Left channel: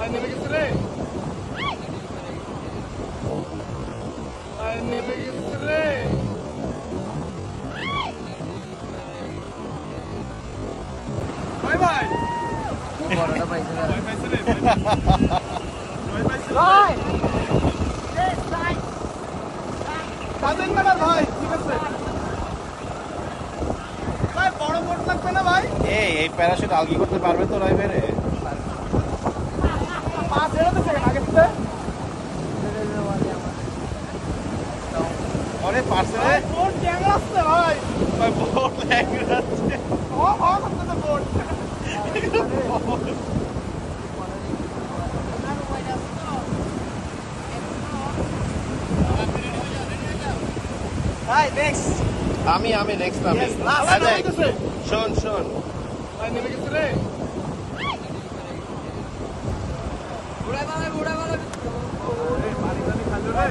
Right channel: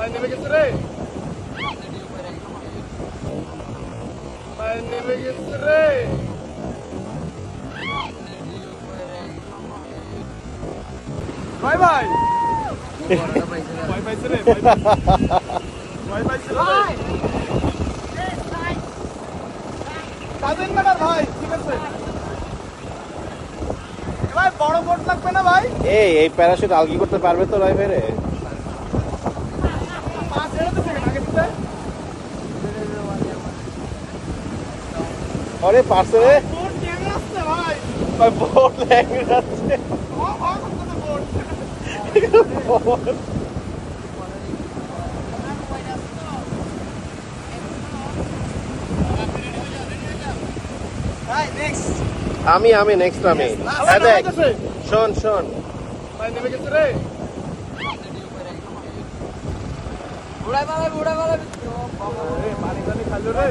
ভাই নেমে গেছে রে, ভাই নেমে গেছে রে। ভাই ভাই ভয় পাইছে রে, ভয় পাইছে ভাই। কাজের ম্যাডার ভাই, ঠিক আছে ভাই, বড় বোট লাগবে না ভাই? এই প্যারাশুট আলগি করতে পারবে তো রাই বেরে? পা ছেড়ে তো সেকেন্ড আগে থেকে আরে পারছে রে, বোট জ্যাম আসছে ভাই। ভাই বোট ল্যাঙ্গে যাচ্ছে। ও করতে তো বোট। ভাই নেক্সট আমি নেক্সট আমি ভাই নেমে গেছে, শোন ভাই নেমে গেছে রে। উড়াই মারবে পানি টানি খাইলো রে।